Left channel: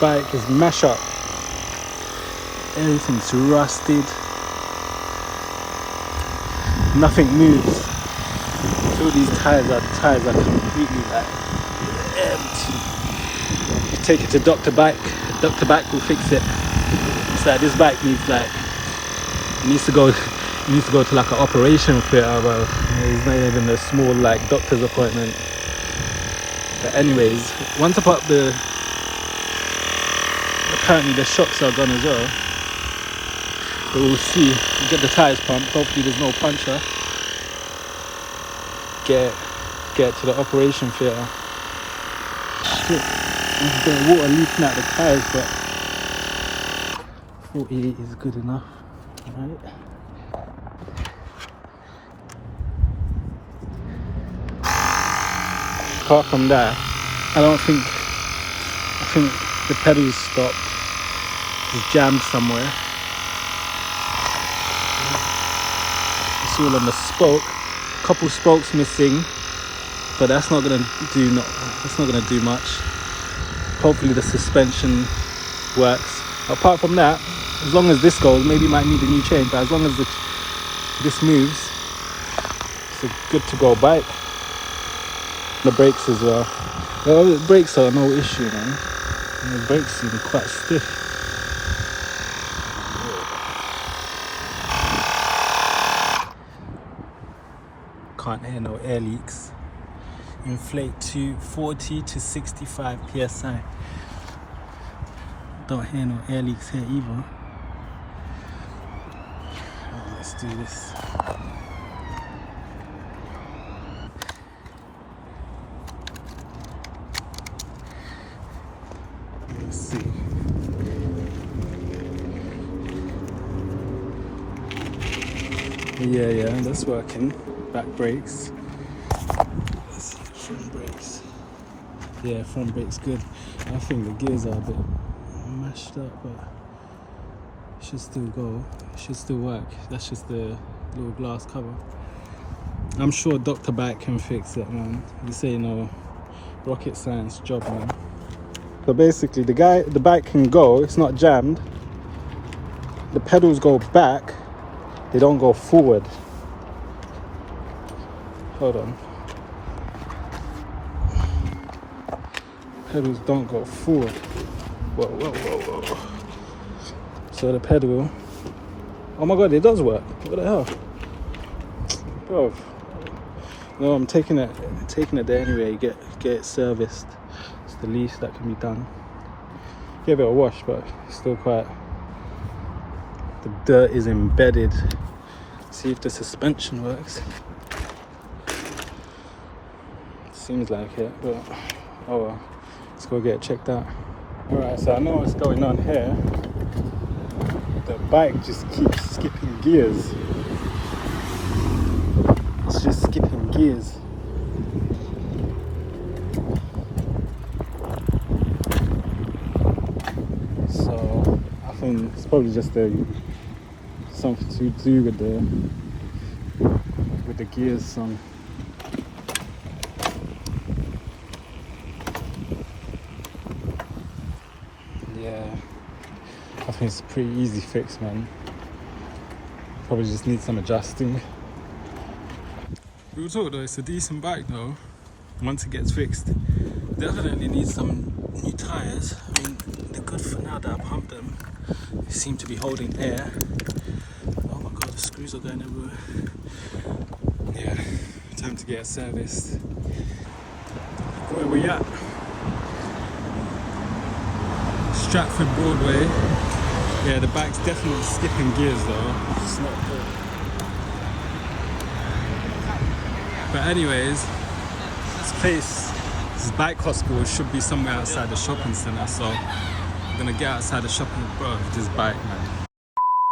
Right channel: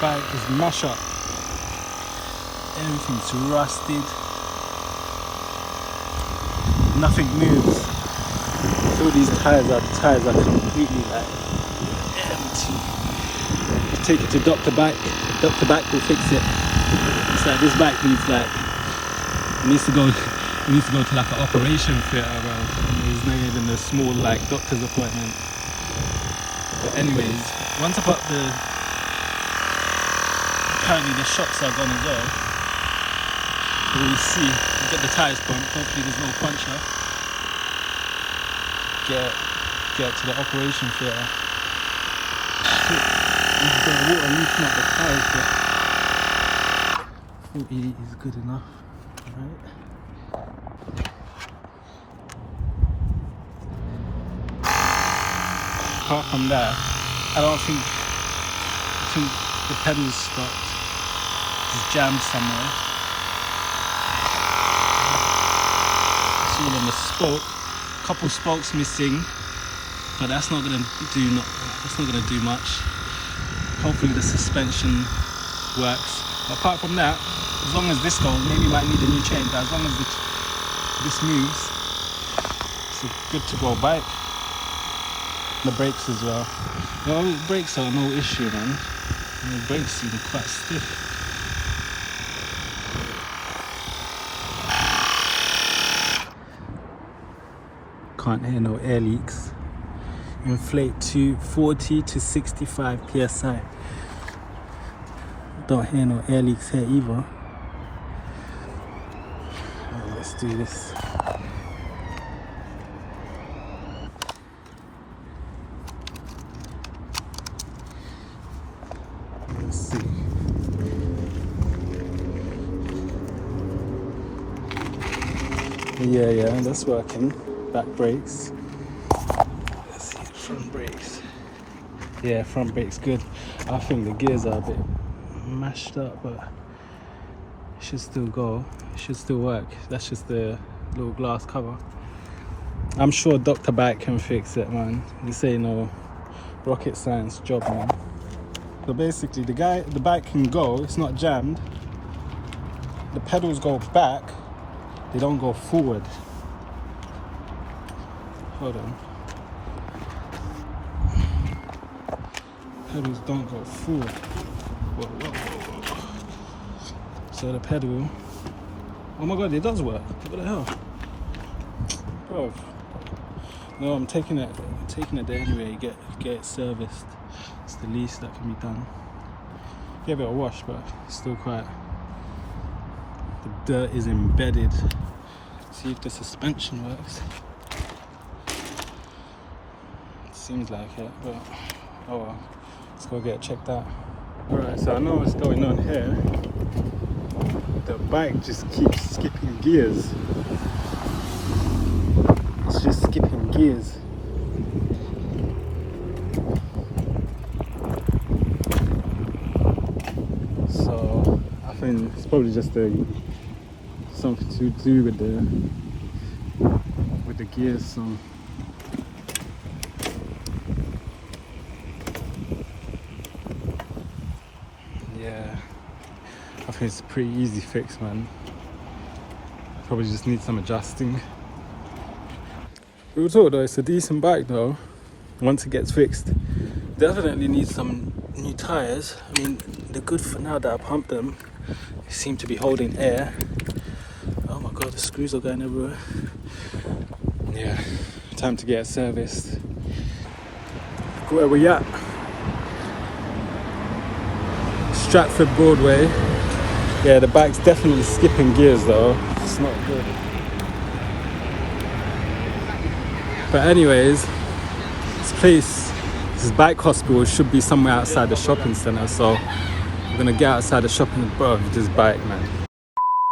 bike is mash up. Everything's rusted. Nothing moves. All these tires are completely like empty. Take it to Dr. Bike. Dr. Bike will fix it. It's like this bike needs to go to like an operation theatre, bro. It's not even a small like doctor's appointment. Anyways, once I put up apparently the shocks are gone as well. But we'll see. We'll get the tyres pumped. Hopefully there's no puncture. Get to the operation theatre. Shit. There's a bit of water leaking out the tyres, but 48 is good enough. Alright. Apart from that, I think the pedals stopped. It's jammed somewhere. It's all on the spoke. Couple spokes missing, but that's not gonna do much. Hopefully the suspension works. Apart from that, as long as this goes, maybe might need a new chain, but as long as this moves, it's a good to go bike. The brakes as well. The brakes are no issue, man. The brakes seem quite stiff. Can't hear no air leaks. Inflate to 40 to 65 psi. Don't hear no air leaks here either. Let's do this. Let's see. Yeah, that's working. Back brakes. Let's see, front brakes. Yeah, front brakes good. I think the gears are a bit mashed up, but it should still go. It should still work. That's just the little glass cover. I'm sure Dr. Bike can fix it, man. This ain't no rocket science job, man. So basically, the bike can go. It's not jammed. The pedals go back. They don't go forward. Hold on. Pedals don't go forward. Whoa. So the pedal. Oh my god, it does work. What the hell? Bro. No, I'm taking it there anyway, get it serviced. It's the least that can be done. Give it a wash, but it's still quite, the dirt is embedded. See if the suspension works. Seems like it, but oh well. Let's go get it checked out. Alright, so I know what's going on here. The bike just keeps skipping gears. It's just skipping gears. So I think it's probably just something to do with the gears. Yeah, I think it's a pretty easy fix, man. Probably just need some adjusting. Real talk though, it's a decent bike though. Once it gets fixed, definitely needs some new tyres. I mean, they're good for now that I pumped them. They seem to be holding air. Oh my god, the screws are going everywhere. Yeah, time to get it serviced. Where we at? Stratford Broadway. Yeah, the bike's definitely skipping gears though. It's not good. But anyways, this bike hospital should be somewhere outside the shopping centre, so I'm gonna get outside the shopping, bro, with this bike, man.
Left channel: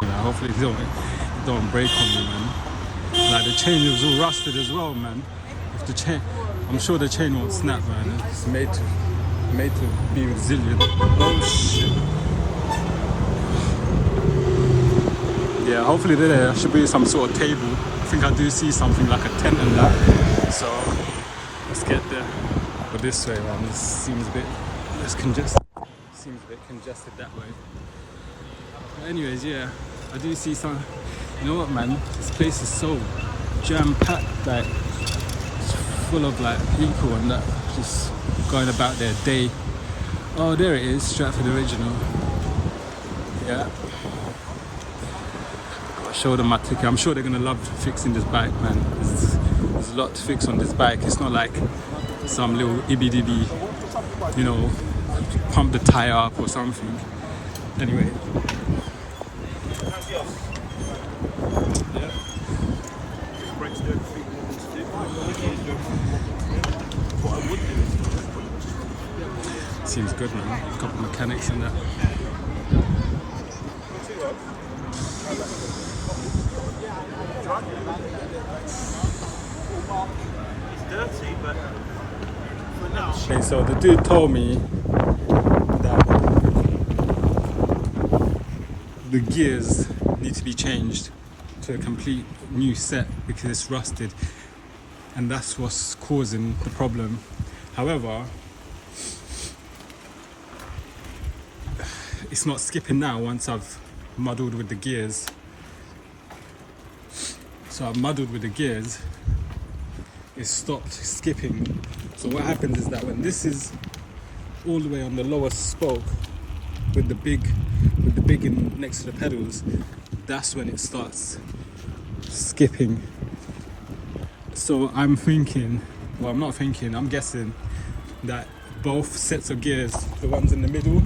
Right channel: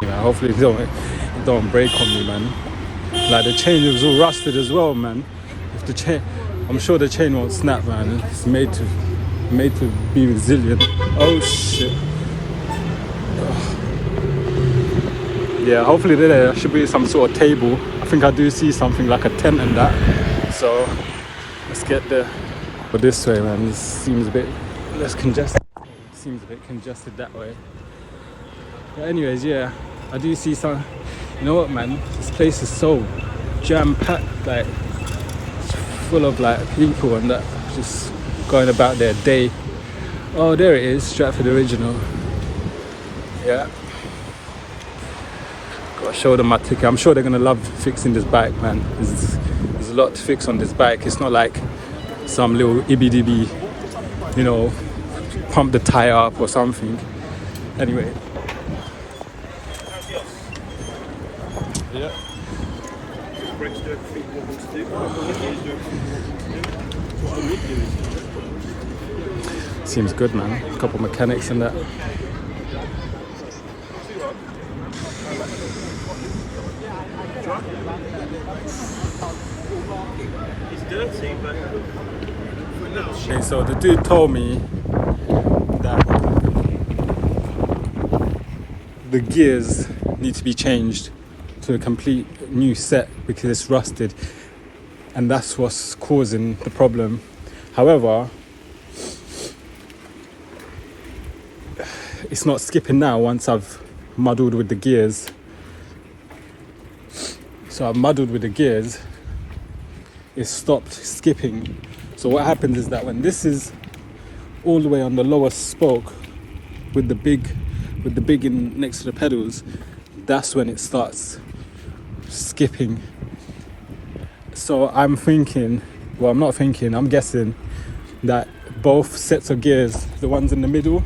You know, hopefully it don't break on me, man. Like the chain was all rusted as well, man. If the chain, I'm sure the chain won't snap, man. It's made to be resilient. Oh shit. Yeah, hopefully there should be some sort of table. I think I do see something like a tent and that. So let's get there. But this way, man, this seems a bit less congested. seems a bit congested that way. But anyways, yeah, I do see some. You know what, man? This place is so jam-packed, like full of like people and that, just going about their day. Oh, there it is, Stratford Original. Yeah. Gotta show them my ticket. I'm sure they're gonna love fixing this bike, man. There's a lot to fix on this bike. It's not like some little ibby-dibby, you know, pump the tire up or something. Anyway. Yeah. Seems good, man. A couple mechanics in that. Okay, so the dude told me that the gears need to be changed to a complete new set because it's rusted, and that's what's causing the problem. However, it's not skipping now once I've muddled with the gears. So I've muddled with the gears, it stopped skipping. So what happens is that when this is all the way on the lower spoke with the big in next to the pedals, that's when it starts skipping. So I'm thinking, well, I'm not thinking, I'm guessing that both sets of gears, the ones in the middle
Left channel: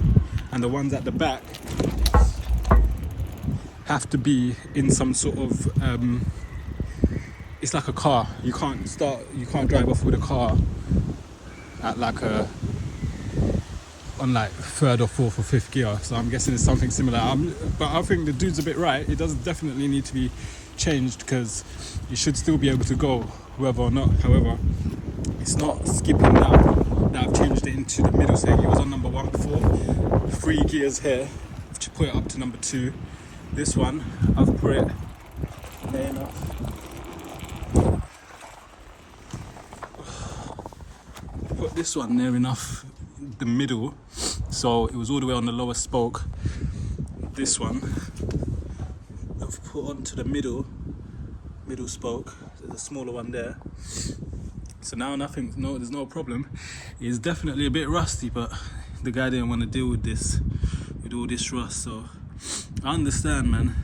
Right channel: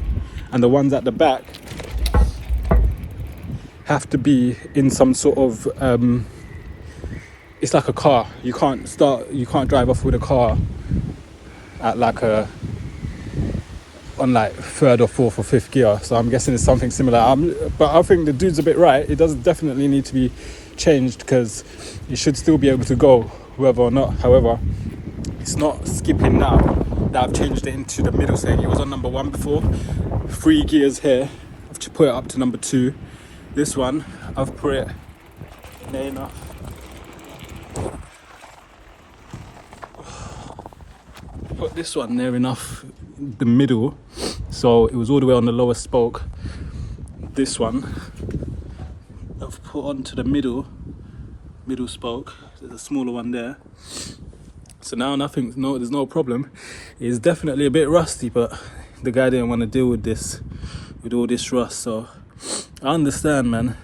and the ones at the back, have to be in some sort of it's like a car. You can't drive off with a car at like on like third or fourth or fifth gear. So I'm guessing it's something similar. But I think the dude's a bit right. It does definitely need to be changed because you should still be able to go whether or not. However, it's not skipping now that I've changed it into the middle setting. It was on number 1 before. 3 gears here. I've put it up to number 2. This one, I've put it near enough. Put this one near enough the middle, so it was all the way on the lower spoke. This one I've put onto the middle spoke. There's a smaller one there. So now there's no problem. It's definitely a bit rusty, but the guy didn't want to deal with this, with all this rust. So I understand, man.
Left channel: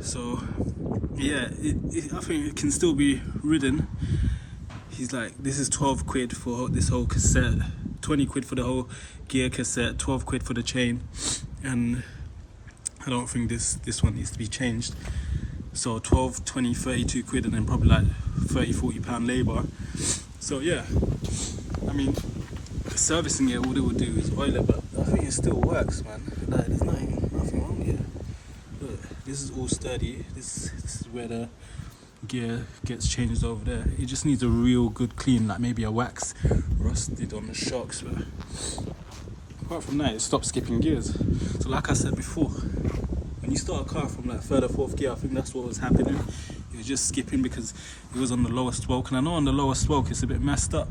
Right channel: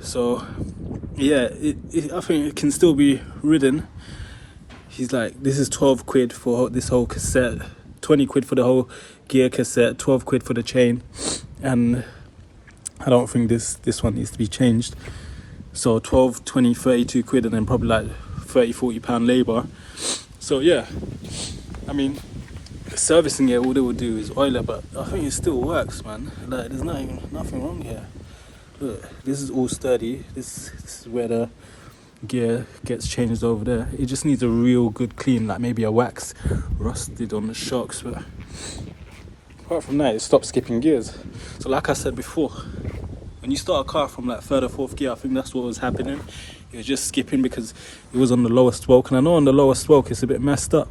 So yeah, I think it can still be ridden. He's like, this is 12 quid for this whole cassette, 20 quid for the whole gear cassette, 12 quid for the chain, and I don't think this one needs to be changed. So 12, 20, 32 quid, and then probably like 30, 40 pound labour. So yeah, I mean, servicing it, all they will do is oil it, but I think it still works, man. Like, there's nothing wrong here. Look, this is all sturdy. This is where the gear gets changed over there. It just needs a real good clean, like maybe a wax rusted on the shocks, but apart from that, it stops skipping gears. So like I said before, when you start a car from like 3rd or 4th gear, I think that's what was happening. It was just skipping because it was on the lower spoke, and I know on the lower spoke it's a bit messed up,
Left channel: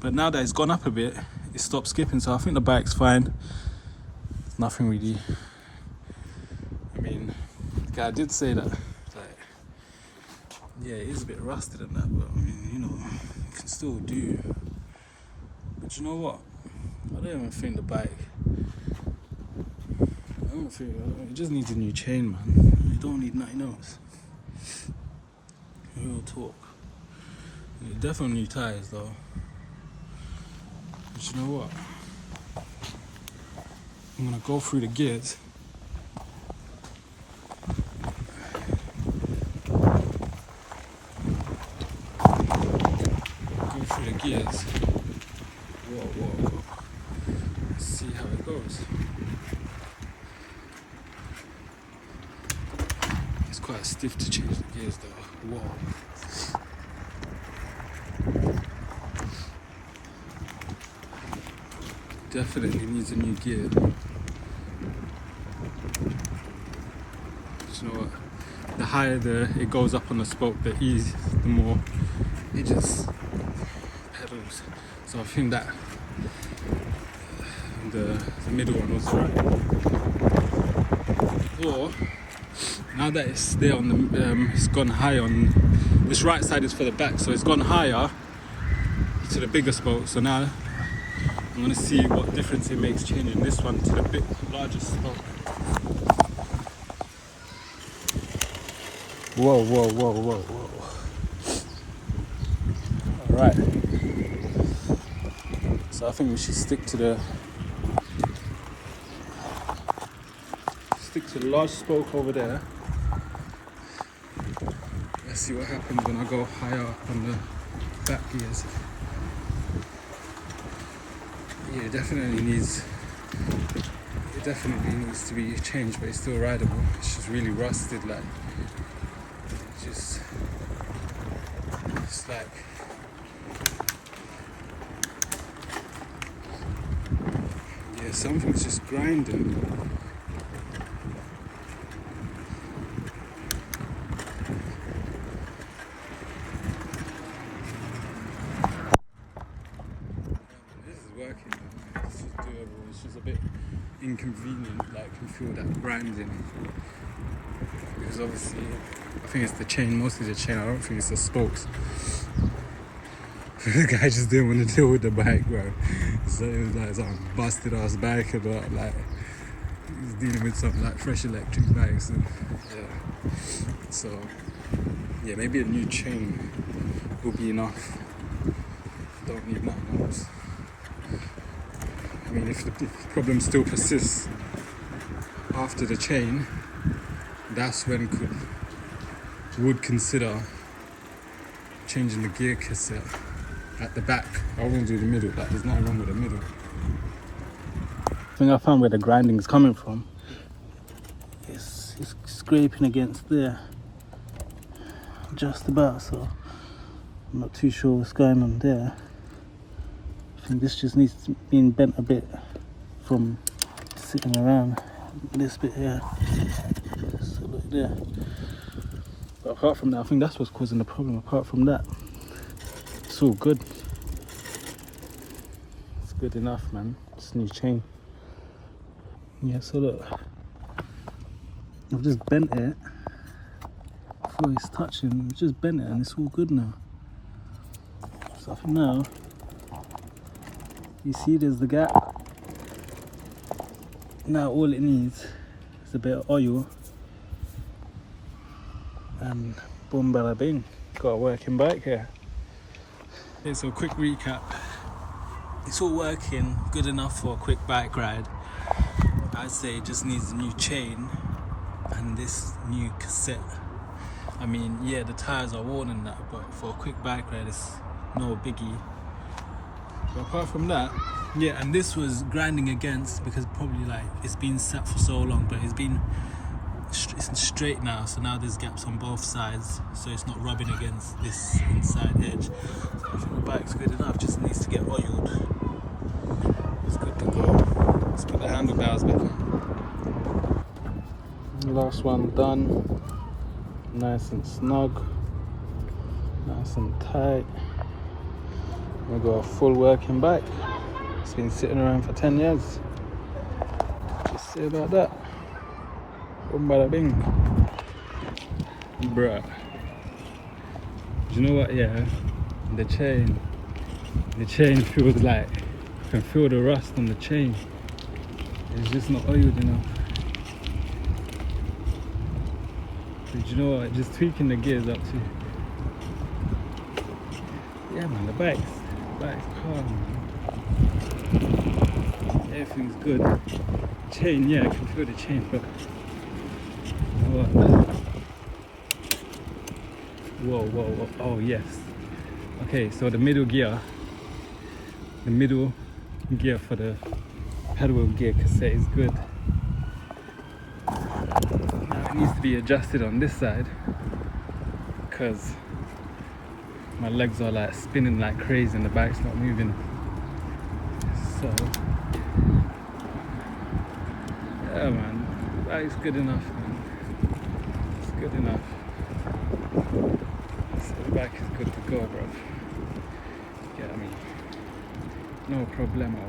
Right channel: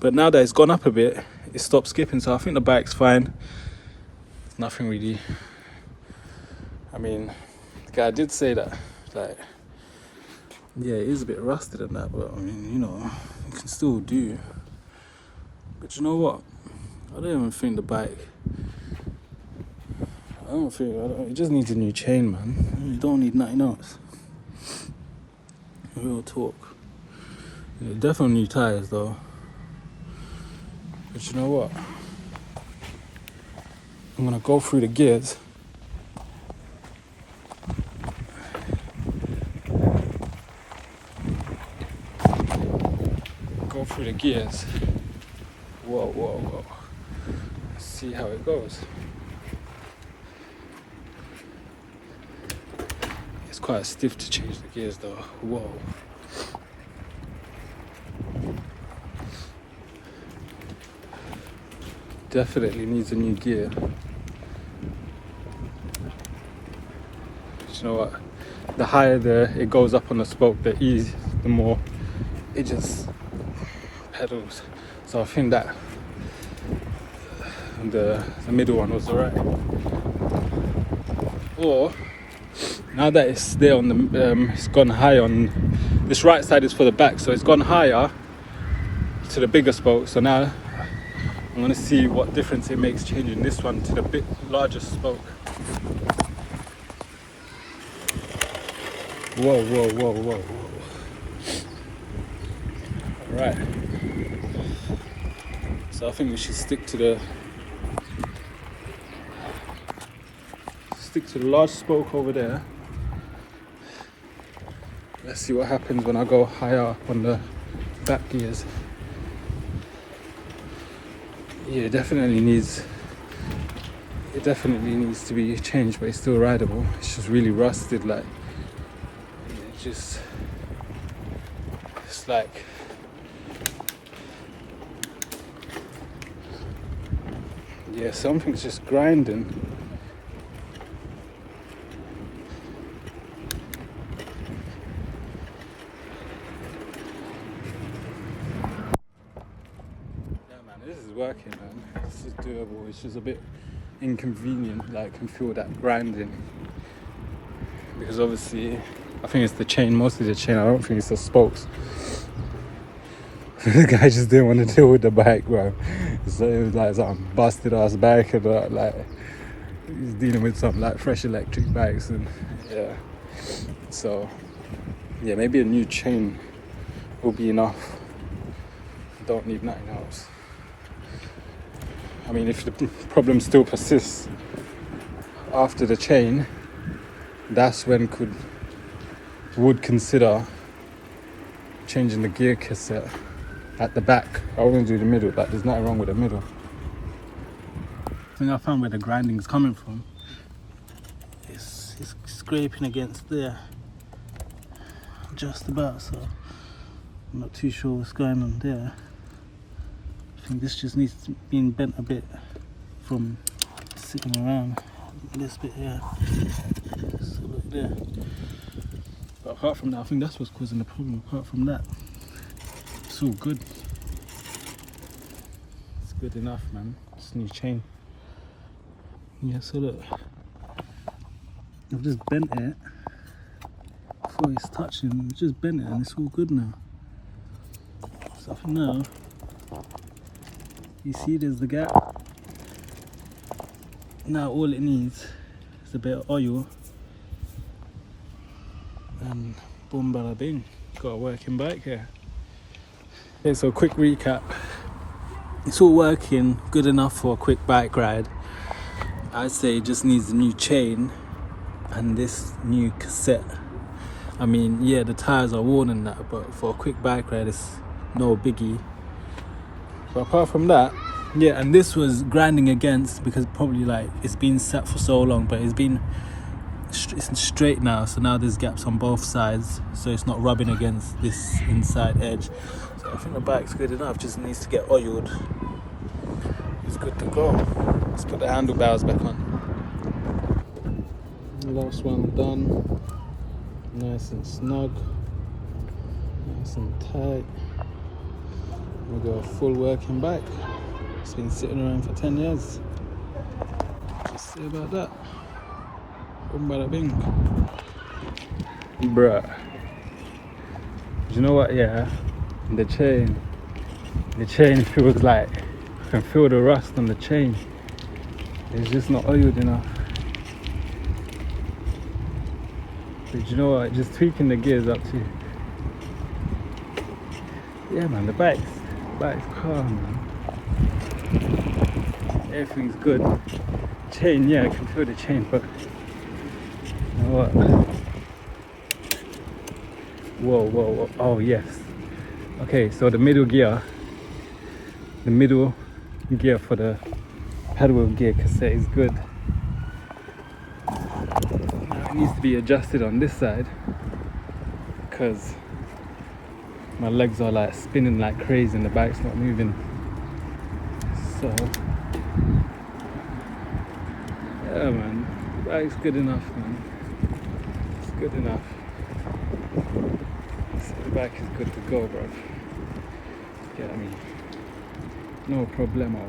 but now that it's gone up a bit, it stopped skipping. So I think the bike's fine. There's nothing really, I mean, the guy did say that, like, yeah, it is a bit rusted and that, but I mean, you know, you can still do. But you know what? I don't even think the bike, it just needs a new chain, man. You don't need nothing else. Real talk. Yeah, definitely new tyres though. But you know what? I'm gonna go through the gears. Through the gears. Whoa. Let's see how it goes. It's quite stiff to change the gears though. Whoa. Definitely needs a new gear. But you know what? The higher it goes up on the spoke, the more it just pedals. So I think that and the middle one was alright. Or now that it's there on the, it's gone high on this right side is for the back, so it's gone higher to the bigger spoke. So now I'm gonna see what difference it makes changing this one to the bit larger spoke. Whoa, whoa, whoa, whoa, whoa. Alright. So I think we should stick to the large spoke over there. Let's see what happens when I go higher up on the back gears. Yeah, it definitely needs to be changed, but it's still rideable. It's just really rusted, like it's like yeah, something's just grinding. Working, man. It's just doable. It's just a bit inconvenient. Like, I can feel that grinding because obviously I think it's the chain, mostly the chain. I don't think it's the spokes. The guy just didn't want to deal with the bike, bro. So it was like some busted ass bike, and like he's dealing with some like fresh electric bikes, and yeah. So yeah, maybe a new chain will be enough. Don't need nothing else. I mean, if the problem still persists after the chain, that's when would consider changing the gear cassette at the back. I wouldn't do the middle, but there's nothing wrong with the middle. I think I found where the grinding is coming from. It's scraping against there, just about, so I'm not too sure what's going on there. I think this just needs to be bent a bit from sitting around this bit here. So look there. But apart from that, I think that's what's causing the problem. Apart from that, it's all good. It's good enough, man. Just new chain. Yeah, so look, I've just bent it before it's touching. I've just bent it and it's all good now. So I think now, you see there's the gap. Now all it needs is a bit of oil and boom bada bing, got a working bike here. Okay, so quick recap. It's all working good enough for a quick bike ride. I'd say it just needs a new chain and this new cassette. I mean, yeah, the tyres are worn and that, but for a quick bike ride it's no biggie. But apart from that, yeah, and this was grinding against because probably like it's been sat for so long, but it's straight now, so now there's gaps on both sides, so it's not rubbing against this inside edge. So I think the bike's good enough, just needs to get oiled. It's good to go. Let's put the handlebars back on. Last one done. Nice and snug, nice and tight. We've got a full working bike. It's been sitting around for 10 years. Just say about that. Boom bada bing. Bruh. Do you know what, yeah? The chain feels like, you can feel the rust on the chain. It's just not oiled enough. So do you know what, just tweaking the gears up to, yeah man, the bike's calm, man. Everything's good. Chain, yeah, I can feel the chain, but what? Whoa, oh yes. Okay, so the middle gear for the pedal wheel gear cassette is good. It needs to be adjusted on this side because my legs are like spinning like crazy and the bike's not moving. So yeah man, the bike's good enough, man. It's good enough. So the bike is good to go, bro. Get me? No problemo.